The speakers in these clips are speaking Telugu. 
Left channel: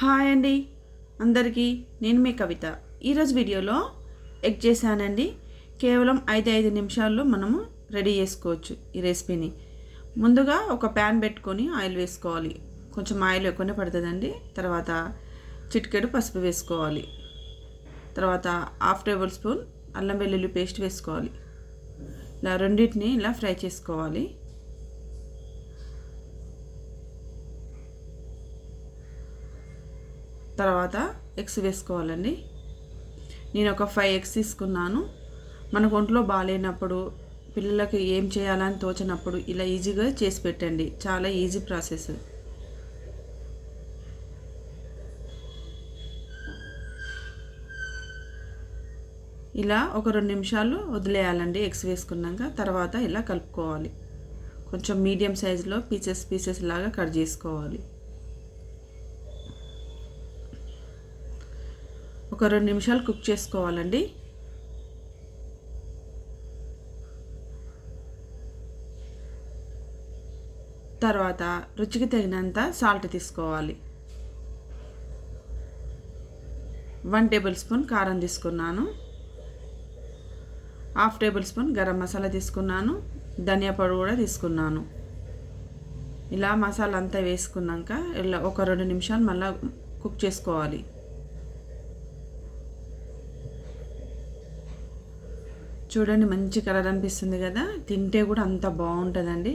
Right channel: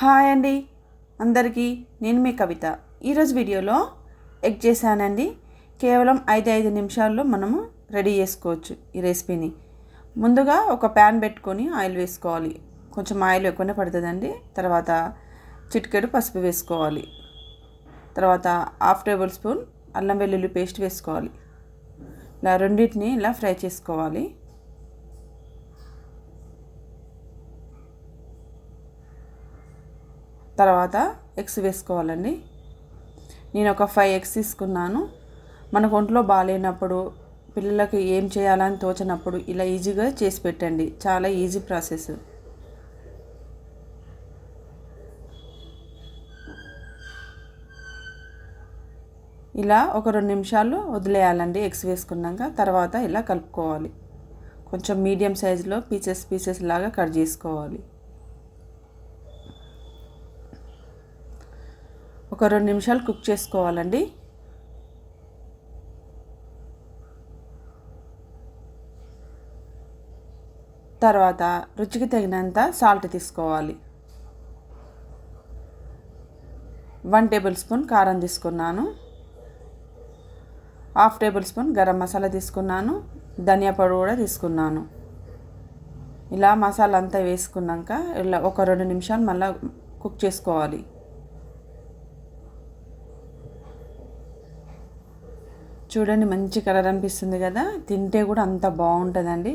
హాయ్ అండి అందరికీ, నేను మీ కవిత. ఈరోజు వీడియోలో ఎగ్ చేశానండి. కేవలం 5 నిమిషాల్లో మనము రెడీ చేసుకోవచ్చు ఈ రెసిపీని. ముందుగా ఒక ప్యాన్ పెట్టుకొని ఆయిల్ వేసుకోవాలి. కొంచెం ఆయిల్ ఎక్కువనే పడుతుందండి. తర్వాత చిటికెడు పసుపు వేసుకోవాలి. తర్వాత హాఫ్ టేబుల్ స్పూన్ అల్లం వెల్లుల్లి పేస్ట్ వేసుకోవాలి. ఇలా రెండింటిని ఇలా ఫ్రై చేసుకోవాలి. తర్వాత ఎగ్స్ వేసుకోవాలండి. నేను ఒక 5 ఎగ్స్ తీసుకున్నాను. మనకు ఒంట్లో బాగాలేనప్పుడు, పిల్లలకి ఏం చేయాలని తోచినప్పుడు ఇలా ఈజీగా చేసి పెట్టండి. చాలా ఈజీ ప్రాసెస్. ఇలా ఒక 2 నిమిషాలు వదిలేయాలండి ఎగ్స్ వేసుకున్నాక. తర్వాత ఇలా కలుపుకోవాలి. కొంచెం మీడియం సైజులో పీసెస్ లాగా కట్ చేసుకోవాలి. ఒక 2 నిమిషాలు కుక్ చేసుకోవాలండి. తర్వాత రుచికి తగినంత సాల్ట్ తీసుకోవాలి. 1 టేబుల్ స్పూన్ కారం తీసుకున్నాను. Half table spoon garam masala తీసుకున్నాను. ధనియా పొడి కూడా తీసుకున్నాను. ఇలా మసాలా అంతా వేసుకున్నాక ఇలా ఒక 2 నిమిషాలు మళ్ళీ కుక్ చేసుకోవాలి. చూడండి, మంచి కలర్ అనిపిస్తుంది కదా. తింటే కూడా అంత బాగుంటుందండి.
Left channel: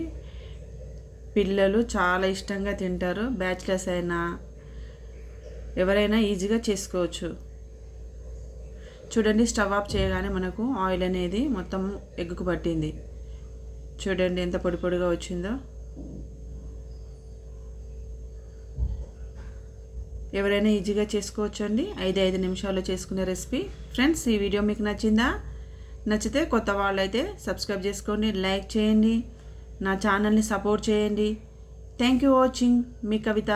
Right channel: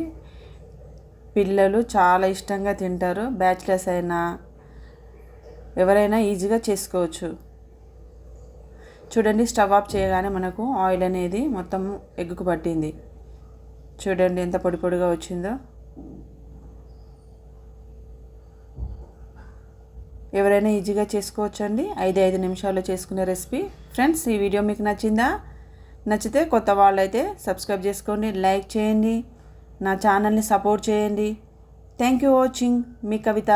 పిల్లలు చాలా ఇష్టంగా తింటారు. బ్యాచిలర్స్ అయినా ఎవరైనా ఈజీగా చేసుకోవచ్చు. చూడండి, స్టవ్ ఆఫ్ చేయగానే మనకు ఆయిల్ అనేది మొత్తం ఎగ్గుకు పట్టింది. చూడండి ఎంత పొడి పొడిగా వచ్చిందో. ఎవరైనా ఈజీగా చేసుకోవచ్చండి. 5 నిమిషాల్లో చేసుకునే రెసిపీ. ఫ్రెండ్స్, ఈ వీడియో మీకు నచ్చిందా? నచ్చితే కొత్త వాళ్ళైతే సబ్స్క్రైబ్ చేసుకోండి, లైక్ చేయండి, నా ఛానల్ని సపోర్ట్ చేయండి. Thank you watching. Me Kavitha.